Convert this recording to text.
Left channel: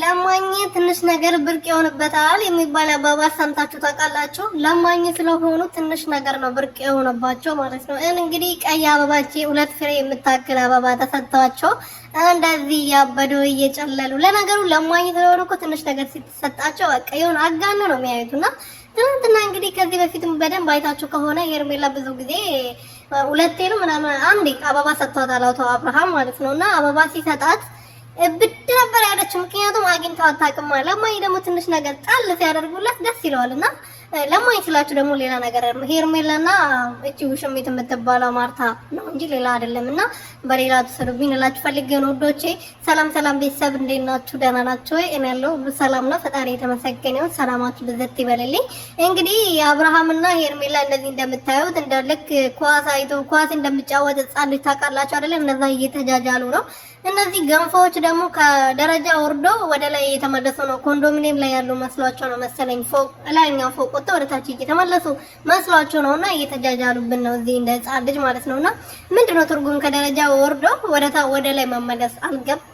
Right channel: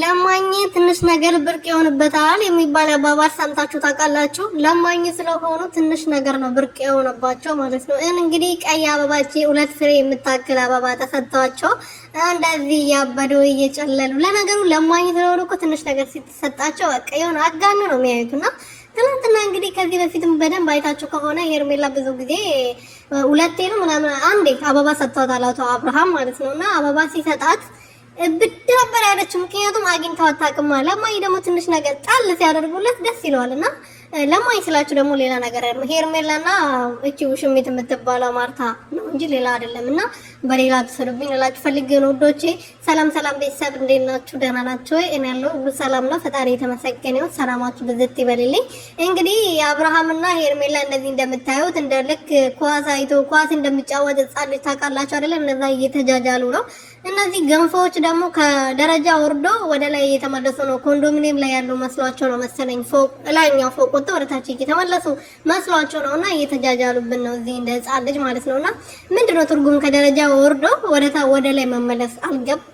ለማኝ ትንሽ ነገር ብርቅ የሆነበታል የሚባል አባባል ሰምታችሁ ታውቃላችሁ? ለማኝ ስለሆኑ ትንሽ ነገር ነው ብርቅ የሆነባቸው ማለት ነው። እንግዲህ ቀይ አበባቺ 2 ፍሬ የምታክል አበባ ተሰጥቷቸው እንደዚህ እያበዱ እየጨለሉ። ለነገሩ ለማኝ ስለሆኑ እኮ ትንሽ ነገር ሲተሰጣቸው በቃ የሆነ አጋኖ ነው የሚያዩትና ትናንትና እንግዲህ ከዚህ በፊትም በደንብ አይታችሁ ከሆነ ሄርሜላ ብዙ ጊዜ 2 ነው ምናምን አንዴ አበባ ሰጥቷታል አቶ አብርሃም ማለት ነውና አበባ ሲሰጣት ብድ ነበር ያለችው። ምክንያቱም አግኝታው አታውቅም። ለማኝ ደግሞ ትንሽ ነገር ጣል ሲያደርጉለት ደስ ይለዋልና ለማኝ ስላችሁ ደግሞ ሌላ ነገር ሄርሜላና እቺ ውሽሚት የምትባለው ማርታ ነው እንጂ ሌላ አይደለምና በሌላ ተሰሩብኝ እላችሁ ፈልጌ ነው ወዶቼ። ሰላም ሰላም ቤተሰብ እንዴት ናችሁ? ደህና ናችሁ ወይ? እኔ ያለው ሁሉ ሰላም ነው። ፈጣሪ የተመሰገነ ይሁን። ሰላማችሁ ብዝት ይበልልኝ። እንግዲህ አብርሃምና ሄርሜላ እንደዚህ እንደምታዩት እንደ ልክ ኳስ አይቶ ኳስ እንደሚጫወት ህጻን ልጅ ታውቃላችሁ አይደል? እንደዛ እየተጃጃሉ ነው። እነዚህ ገንፎዎች ደግሞ ከደረጃ ወርዶ ወደ ላይ እየተመለሱ ነው። ኮንዶሚኒየም ላይ ያሉ መስሏቸው ነው መሰለኝ። ፎቅ ላይኛው ፎቅ ወጥተው ወደ ታች እየተመለሱ መስሏቸው ነውና እየተጃጃሉብን ነው እዚህ እንደ ህጻን ልጅ ማለት ነውና ምንድነው ትርጉም ከደረጃ ወርዶ ወደ ላይ መመለስ? አልገባኝም።